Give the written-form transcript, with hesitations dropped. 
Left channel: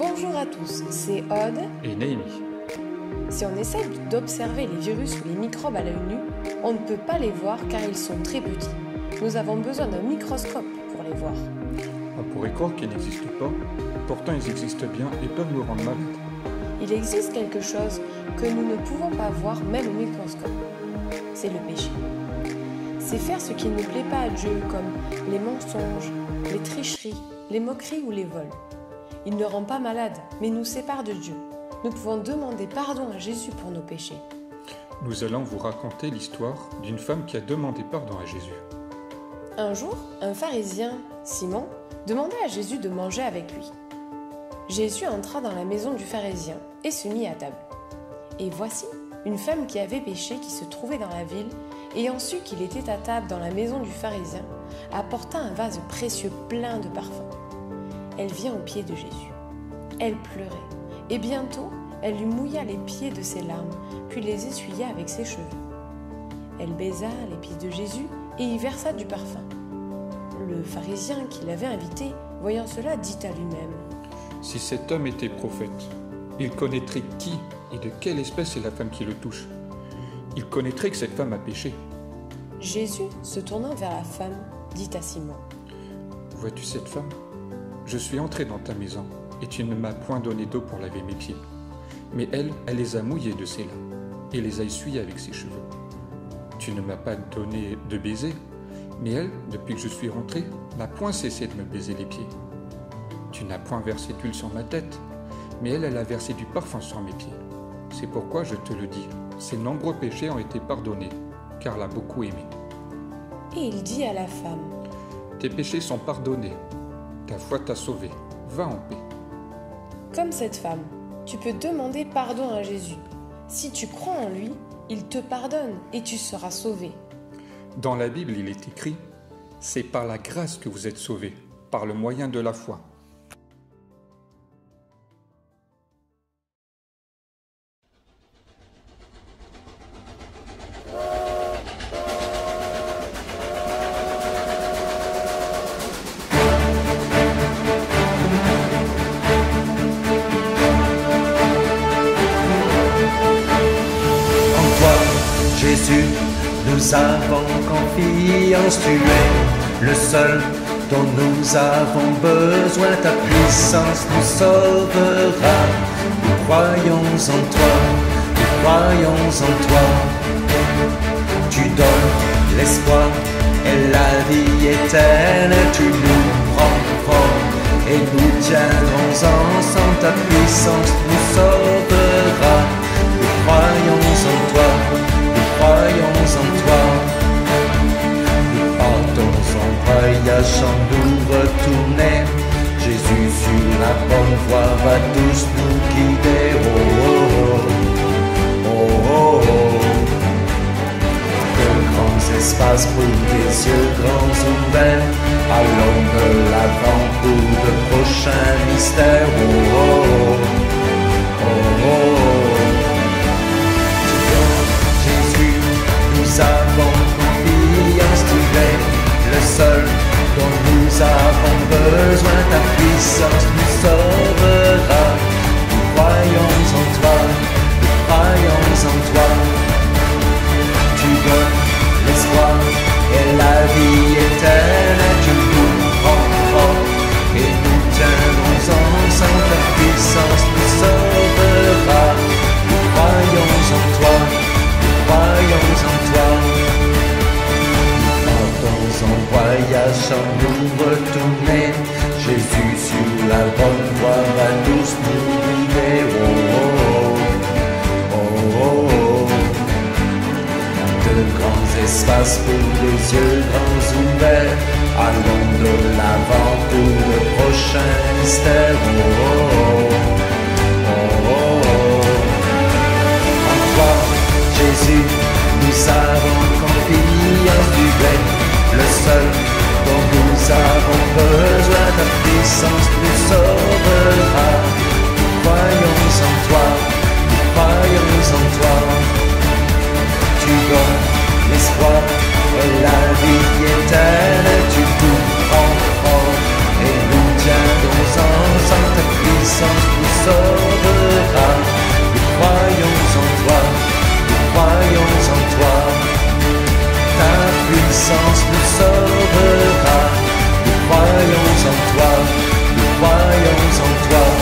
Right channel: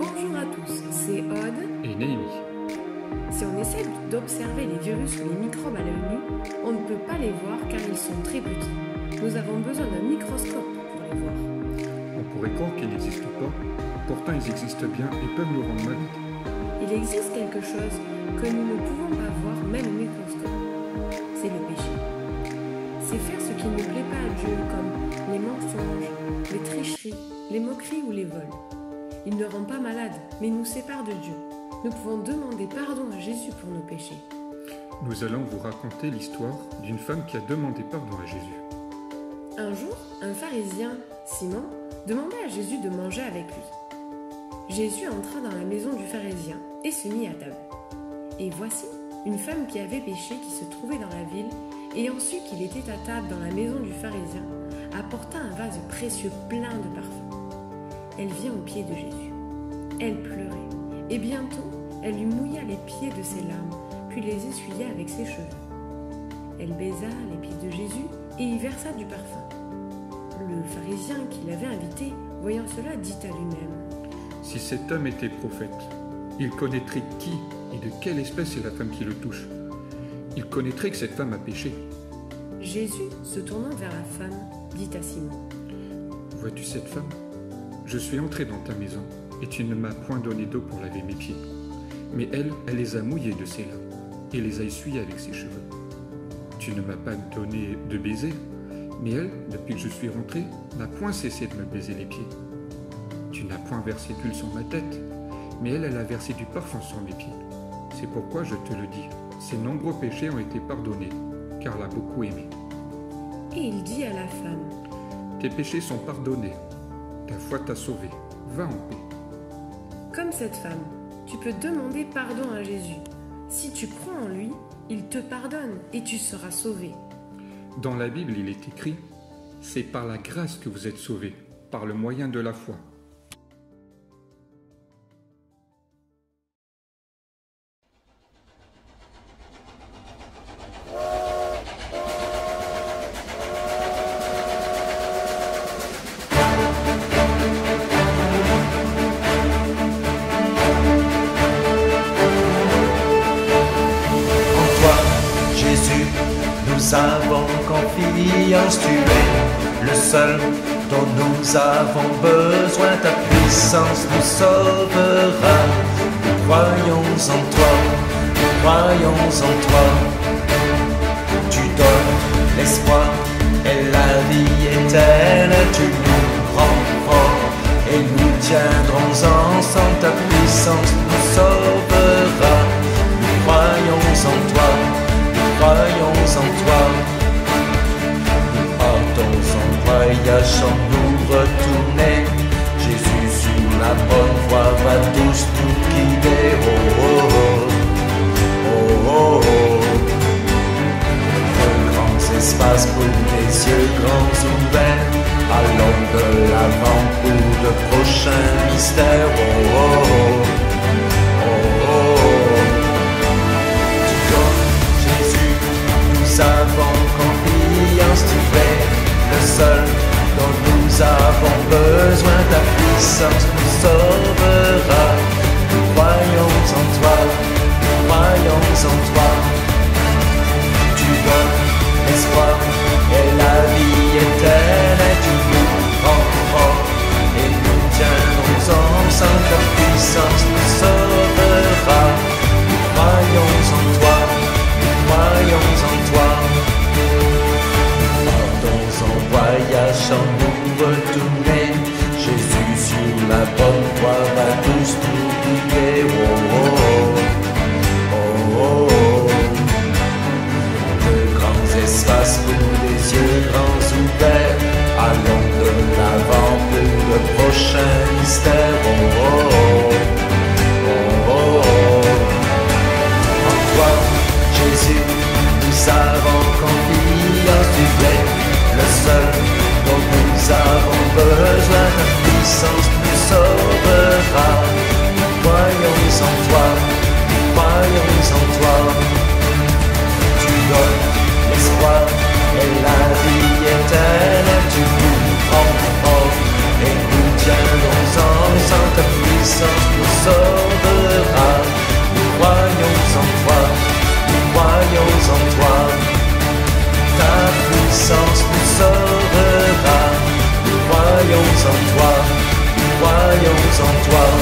Bonjour à tous, c'est Aude et Néhémie. Si on essaie d'observer les virus ou les microbes à l'œil nu, on ne peut pas les voir car ils sont très petits. Nous avons besoin d'un microscope pour les voir. On pourrait croire qu'ils n'existent pas, pourtant ils existent bien et peuvent nous rendre malades. Il existe quelque chose que nous ne pouvons pas voir même au microscope. C'est le péché. C'est faire ce qui ne plaît pas à Dieu, comme les mensonges, les tricheries, les moqueries ou les vols. Il ne rend pas malade, mais nous sépare de Dieu. Nous pouvons demander pardon à Jésus pour nos péchés. Nous allons vous raconter l'histoire d'une femme qui a demandé pardon à Jésus. Un jour, un pharisien, Simon, demanda à Jésus de manger avec lui. Jésus entra dans la maison du pharisien et se mit à table. Et voici, une femme qui avait péché, qui se trouvait dans la ville, ayant su qu'il était à table dans la maison du pharisien, apporta un vase précieux plein de parfums. Elle vient aux pieds de Jésus. Elle pleurait, et bientôt, elle lui mouilla les pieds de ses larmes, puis les essuya avec ses cheveux. Elle baisa les pieds de Jésus et y versa du parfum. Le pharisien qui l'avait invité, voyant cela, dit à lui-même : Si cet homme était prophète, il connaîtrait qui et de quelle espèce est la femme qui le touche. Il connaîtrait que cette femme a péché. Jésus, se tournant vers la femme, dit à Simon : Vois-tu cette femme ? Je suis entré dans ta maison, et tu ne m'as point donné d'eau pour laver mes pieds. Mais elle les a mouillés de ses larmes, et les a essuyés avec ses cheveux. Tu ne m'as pas donné de baiser, mais elle, depuis que je suis rentré, n'a point cessé de me baiser les pieds. Tu n'as point versé d'huile sur ma tête, mais elle a versé du parfum sur mes pieds. C'est pourquoi je te le dis, ses nombreux péchés ont été pardonnés, car elle a beaucoup aimé. Et il dit à la femme : Tes péchés sont pardonnés, ta foi t'a sauvé, va en paix. Comme cette femme, tu peux demander pardon à Jésus. Si tu crois en lui, il te pardonne et tu seras sauvé. Dans la Bible, il est écrit : C'est par la grâce que vous êtes sauvés, par le moyen de la foi. Jésus, nous avons confiance, tu es le seul dont nous avons besoin, ta puissance nous sauvera. Nous croyons en toi, nous croyons en toi. Tu donnes l'espoir et la vie éternelle, tu nous prends fort et nous tiendrons ensemble, ta puissance nous sauvera. Nous croyons en toi. Croyons en toi, nous partons en voyage sans nous retourner. Jésus sur la bonne voie va tous nous guider. Oh oh oh, oh oh oh. De grands espaces pour des yeux grands ouverts. Allons de l'avant pour de prochains mystères. Oh oh oh, oh oh oh. Nous avons confiance, tu es le seul dont nous avons besoin, ta puissance nous sauvera. Nous croyons en toi, nous croyons en toi. Tu donnes l'espoir et la vie éternelle, tu nous prends fort et nous tiendrons ensemble, ta puissance nous sauvera. Nous croyons en toi. Croyons en toi, nous partons en voyage sans nous retourner. Jésus sur la bonne voie va tous nous guider. Oh oh oh, oh oh oh. De grands espaces pour des yeux grands ouverts. Allons de l'avant pour de prochains mystères. Oh oh oh, oh oh oh. En toi, Jésus, nous avons confiance, tu es le seul dont nous avons besoin, ta puissance nous sauvera. Nous croyons en toi, nous croyons en toi. Tu donnes l'espoir et la vie éternelle, tu nous prends fort et nous tiendrons ensemble, ta puissance puissance nous sauvera. Nous croyons en toi, nous croyons en toi.